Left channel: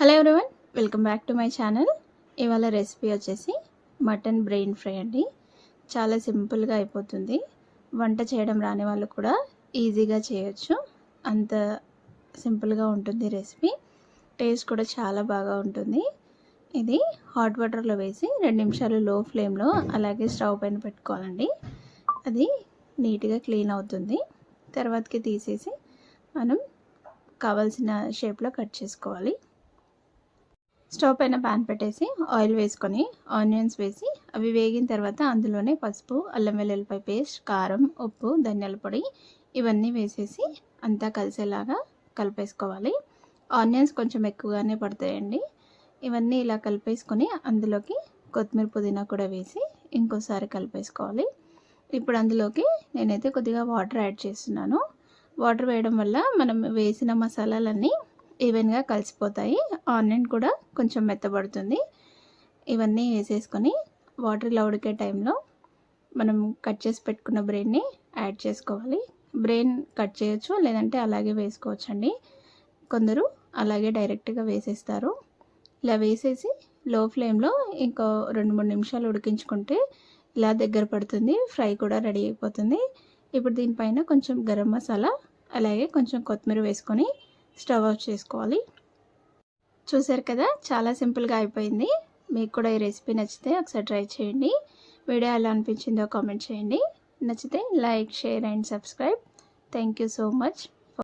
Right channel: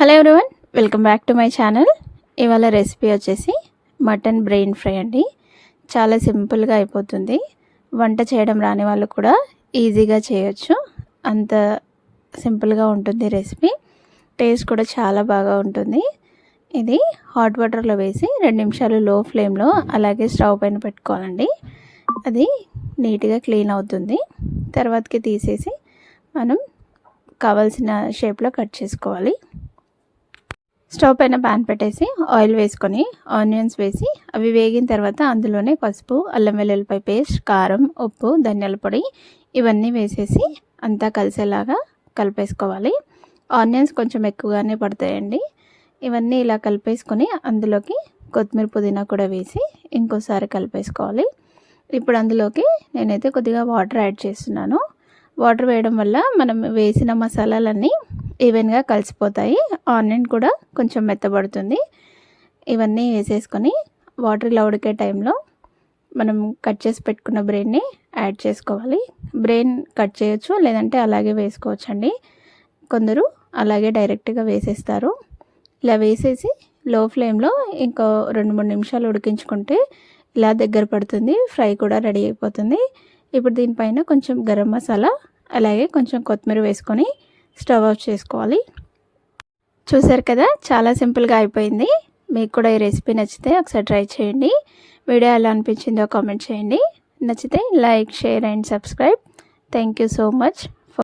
Hello everyone, welcome back to my channel. ఇవాళ recipe వచ్చేసి mutton brain fry అండి. చాలా సింపుల్గా అయిపోతుంది. వంట చేయడం రాని వాళ్ళు కూడా ఈజీగా చేయొచ్చు. అంత సింపుల్గా ఉంటుంది రెసిపీ. టేస్ట్ కూడా చాలా బాగా ఉంటుంది. ఇది హాట్ వాటర్లో వేసి 2 నిమిషాలు లో ఫ్లేమ్లో అలాగే స్టవ్ పైన పెట్టుకోవాలండి. అది నీట్గా క్లీన్ అవుతుంది. తర్వాతకి తీసేసి మనం కావాల్సిన షేప్లో కట్ చేసుకోవాలి. స్టవ్ పైన ప్యాన్ పెట్టేసి ఆయిల్ వేసుకొని ఆనియన్స్ వేసి అవి వేగిన తర్వాత అందులోనే పసుపు, అల్లం వెల్లుల్లిపాయ పేస్ట్, కారం, ఉప్పు, ధనియాల పొడి ఇవన్నీ వేసేసి అంతా కలిసేలాగా కలిపేసుకోవాలి. ఆనియన్స్ కొంచెం ఎక్కువగానే పడతాయండి. ఇవన్నీ ఇలా కలిపేసుకొని అందులోకి కొత్తిమీర, పుదీనా కూడా వేసి ఇంకోసారి కలిపేసుకోవాలి. ఇప్పుడు అందులోకి నేనైతే కొద్దిగా వాటర్ యాడ్ చేస్తున్నాను. వాటర్ వేయడం వల్ల మనం వేసిన మసాలాలన్నీ ఈవెన్గా కలిసిపోతాయి. ఆనియన్ కూడా కొంచెం మెత్తబడుతుంది. ఇవన్నీ వేసేసుకొని వాటర్ ఇలా ఉడికే టైంలో మనం కట్ చేసి పెట్టుకున్న బ్రెయిన్ని యాడ్ చేసుకోవాలి. బ్రెయిన్ కట్ చేయొచ్చు, లేదంటే అలాగే వేసుకోవచ్చండి. కొందరు అలాగే డైరెక్ట్గా వేసేస్తారు. ఇలా వేసేసి లో ఫ్లేమ్లో ఇంకో 2-3 నిమిషాలు ఉడికించుకుంటే ఇలా దగ్గర పడుతుంది. ఫ్రై కూడా రెడీ అయిపోతుంది. ఇప్పుడు దీనిపైన కొంచెం గరం మసాలా అలాగే కొంచెం కొత్తిమీర వేసుకొని స్టవ్ ఆఫ్ చేసుకోవాలి. చూసారు కదా, చాలా సింపుల్గా అయిపోయింది. మీకు కూడా ఈ రెసిపీ నచ్చితే ఒకసారి ట్రై చేయండి. వీడియో ఎలా అనిపించిందో కామెంట్ చేయండి. నచ్చితే like, share and subscribe. Thank you so much.